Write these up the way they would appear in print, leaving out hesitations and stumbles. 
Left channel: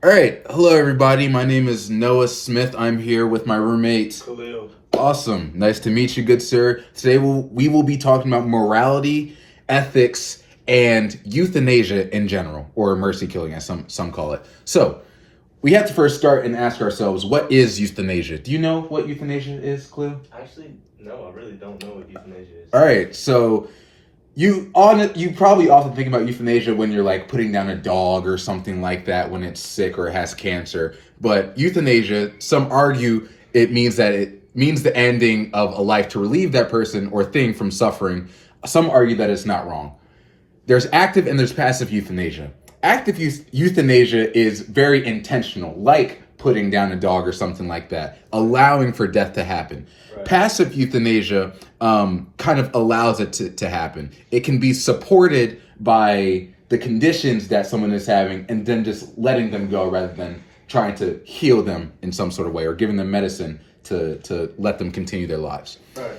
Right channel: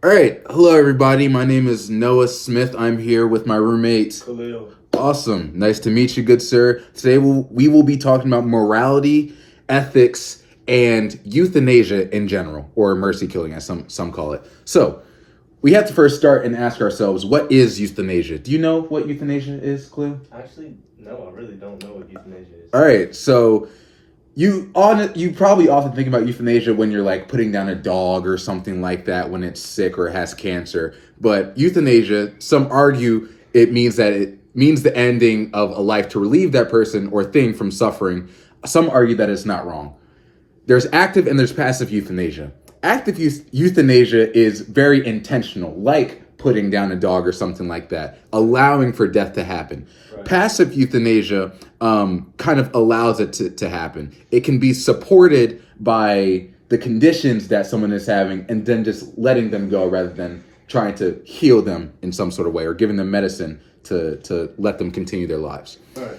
All right. Hello, everybody. My name is Noah Smith. I'm here with my roommate. Khalil. Awesome. Nice to meet you, good sir. Today we will be talking about morality, ethics, and euthanasia in general, or mercy killing, as some call it. So, we have to first start and ask ourselves, what is euthanasia? Do you know what euthanasia is, Cliff? Actually, no, I really don't know what euthanasia is. All right. So, you probably often think about euthanasia when you're like putting down a dog or something like that when it's sick or has cancer. But euthanasia, some argue it means the ending of a life to relieve that person or thing from suffering. Some argue that it's not wrong. There's active and there's passive euthanasia. Active euthanasia is very intentional, like putting down a dog or something like that, allowing for death to happen. Right. Passive euthanasia kind of allows it to happen. It can be supported by the conditions that someone is having and then just letting them go rather than trying to heal them in some sort of way or giving them medicine to let them continue their lives. Right.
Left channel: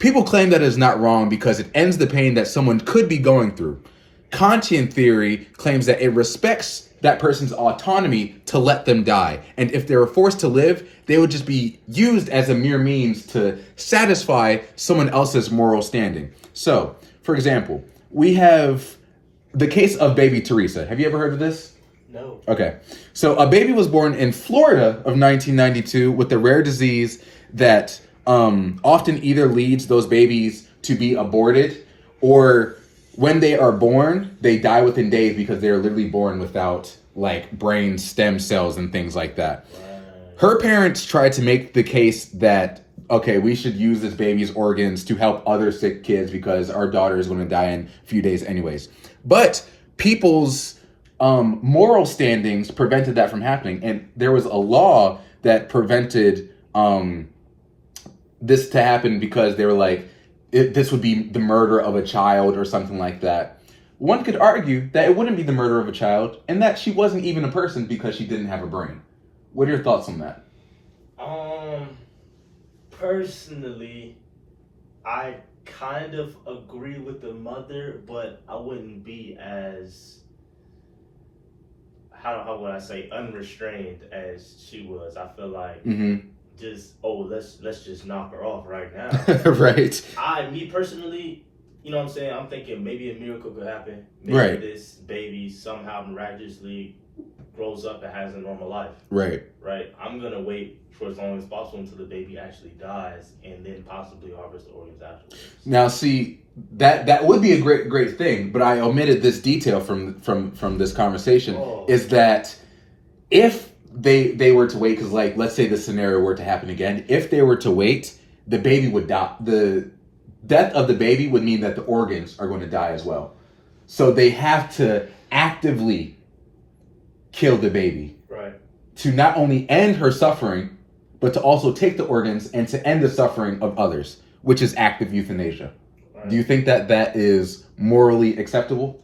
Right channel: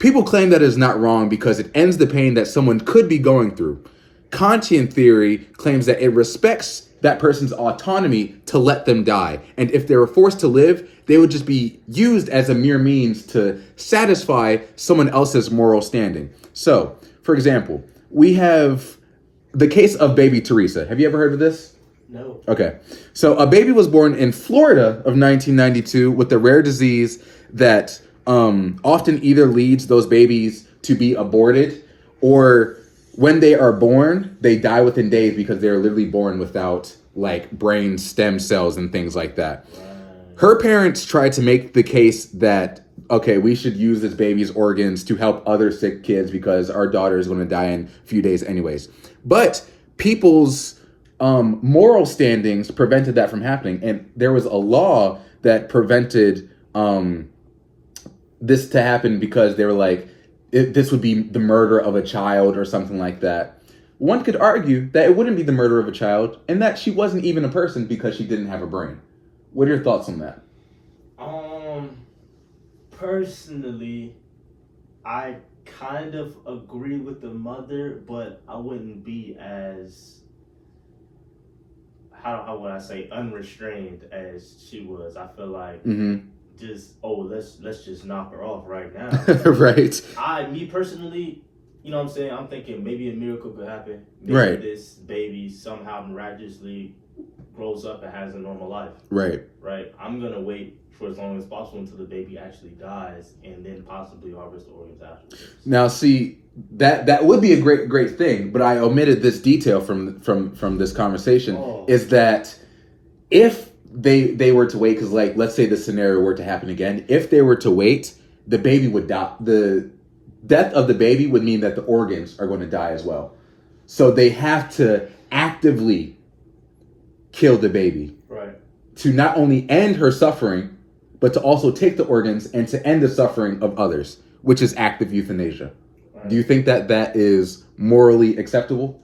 People claim that is not wrong because it ends the pain that someone could be going through. Kantian theory claims that it respects that person's autonomy to let them die. And if they were forced to live, they would just be used as a mere means to satisfy someone else's moral standing. So, for example, we have the case of baby Teresa. Have you ever heard of this? No. Okay. So, a baby was born in Florida of 1992 with a rare disease that often either leads those babies to be aborted or when they are born, they die within days because they're literally born without like brain stem cells and things like that. Her parents tried to make the case that, okay, we should use this baby's organs to help other sick kids because our daughter is going to die in a few days anyways. But people's moral standings prevented that from happening. And there was a law that prevented this to happen because they were like, this would be the murder of a child or something like that. One could argue that it wouldn't be the murder of a child and that she wasn't even a person because she didn't have a brain. What are your thoughts on that? Personally, I kind of agree with the mother, but I wouldn't be as how would I say unrestrained as she was. I feel like just let's just knock her off right now. Right. Me personally, you know what I'm saying? I'm thinking maybe a miracle could happen. Maybe right. This baby somehow miraculously grows up and has a normal life. Right. Right. I'm gonna wait for as long as possible until the baby actually dies and then possibly harvest the organs afterwards. Now see, that would be a great thing, but I omitted this detail from this conversation is that if they were to wait, because like let's say the scenario were to happen again, if they were to wait, the baby would die. The death of the baby would mean that the organs are going to die as well. So they have to actively kill the baby, right, to not only end her suffering, but to also take the organs and to end the suffering of others, which is active euthanasia. Right. Do you think that that is morally acceptable?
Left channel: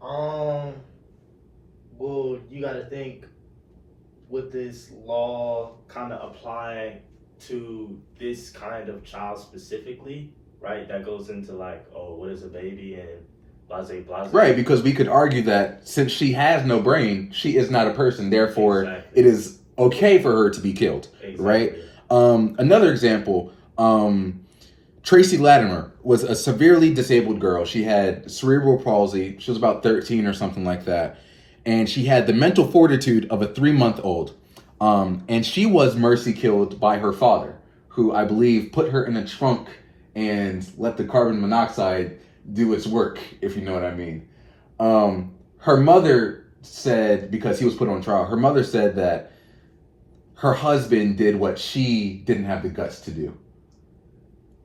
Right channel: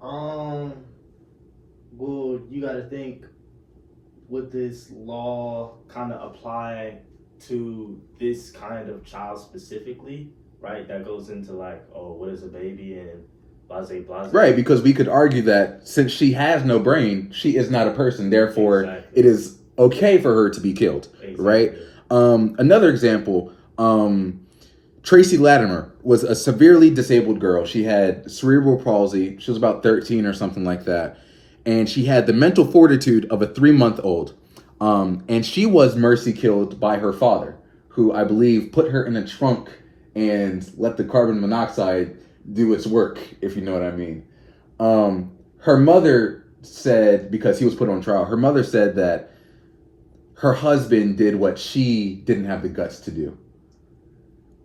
Well, you got to think, would this law kind of apply to this kind of child specifically, right? That goes into like, oh, what is a baby and blase. Right, because we could argue that since she has no brain, she is not a person. Therefore, exactly. It is okay for her to be killed, exactly. Right? Another example, Tracy Latimer was a severely disabled girl. She had cerebral palsy. She was about 13 or something like that. And she had the mental fortitude of a 3-month-old. And she was mercy killed by her father, who I believe put her in a trunk and let the carbon monoxide do its work, if you know what I mean. Her mother said, because he was put on trial, her mother said that her husband did what she didn't have the guts to do.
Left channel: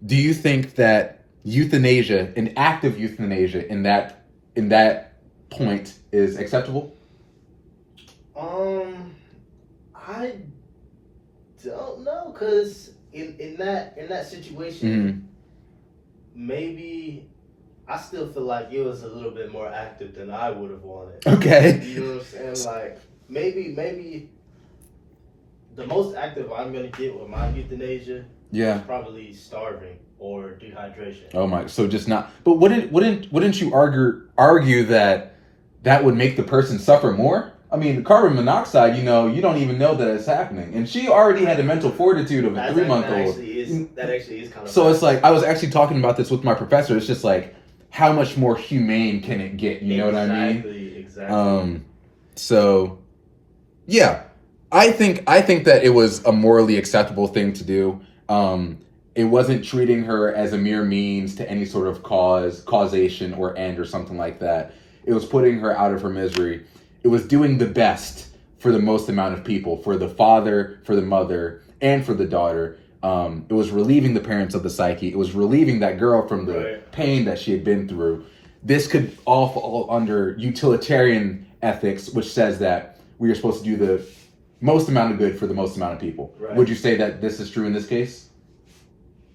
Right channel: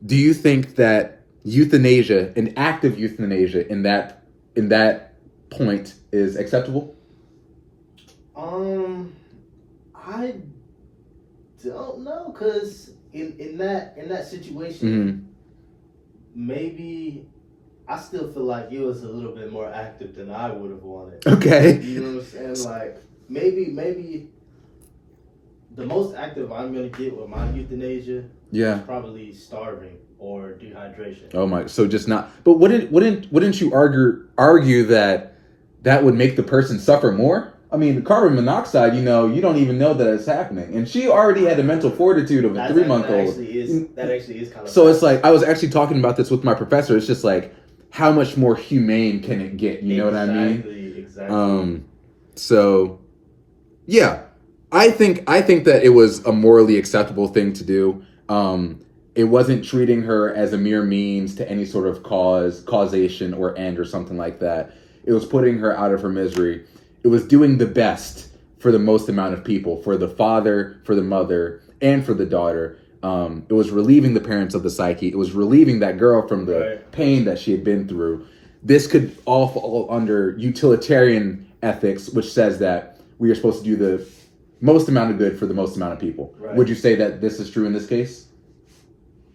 Do you think that euthanasia, an active euthanasia in that point is acceptable? I don't know, cause in that situation, maybe I still feel like it was a little bit more active than I would have wanted. Okay. You know what I'm saying? Like maybe the most active I'm gonna get with my euthanasia is probably starving or dehydration. Oh my! So just not. But wouldn't you argue that would make the person suffer more? I mean, the carbon monoxide, you don't even know that it's happening. And she already had the mental fortitude of a 3-month-old. That actually is kind of. So it's like, I was actually talking about this with my professor. It's just like, how much more humane can it get? You know what I mean? Exactly. So, yeah, I think that it was a morally acceptable thing to do. It wasn't treating her as a mere means to any sort of causation or end or something like that. It was putting her out of her misery. It was doing the best for the most amount of people, for the father, for the mother, and for the daughter. It was relieving the parents of the psyche. It was relieving that girl from the pain that she had been through. This could all fall under utilitarian ethics, which says that we are supposed to do the most amount of good for the most amount of people. Right. Would you say that this is true in this case?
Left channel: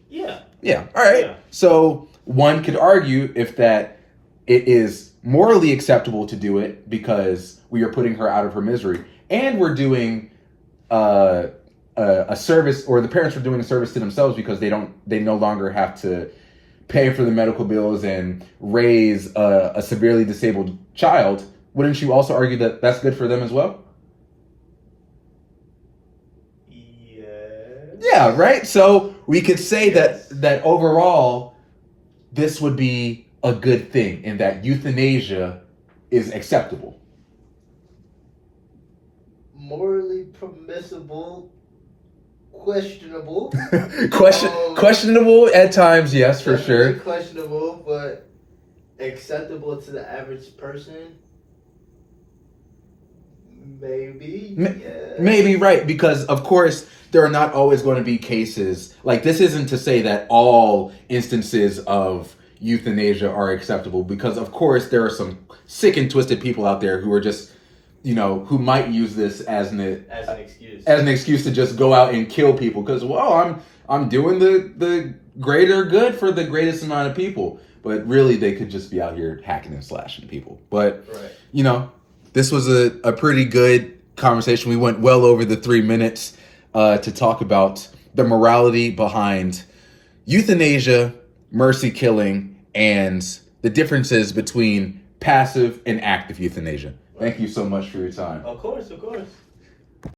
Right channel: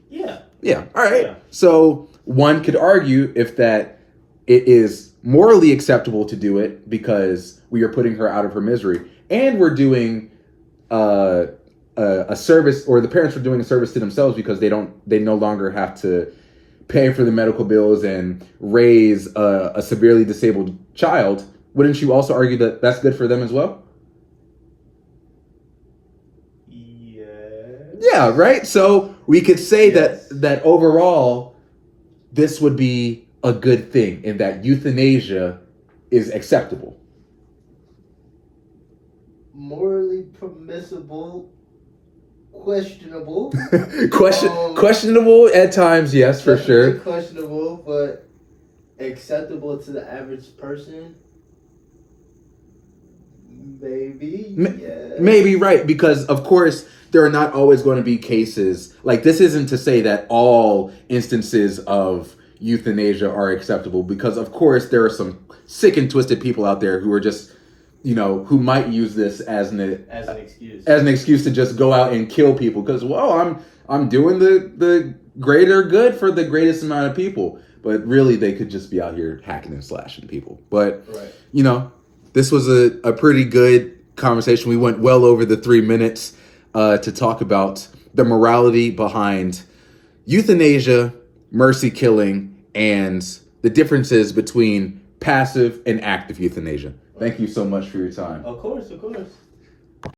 Yeah. Yeah. All right. Yeah. So one could argue if that it is morally acceptable to do it because we are putting her out of her misery, and we're doing a service, or the parents are doing a service to themselves because they no longer have to pay for the medical bills and raise a severely disabled child. Wouldn't you also argue that that's good for them as well? Yeah, right? So we could say that overall, this would be a good thing in that euthanasia is acceptable. Morally permissible, questionable. Questionable at times, yes, for sure. Questionable, but acceptable to the average person. Maybe. Yeah. Maybe, right, because of course there are not always going to be cases like this. Isn't to say that all instances of euthanasia are acceptable, because of course there are some sick and twisted people out there who are just, who might use this as an excuse to just go out and kill people because, well, I'm doing the greater good for the greatest amount of people, but really they could just be out here hacking and slashing people. But this was a pretty good conversation. We went well over the 3 minutes to talk about the morality behind euthanasia, mercy killing, and the differences between passive and active euthanasia. Thank you so much for your time. Of course.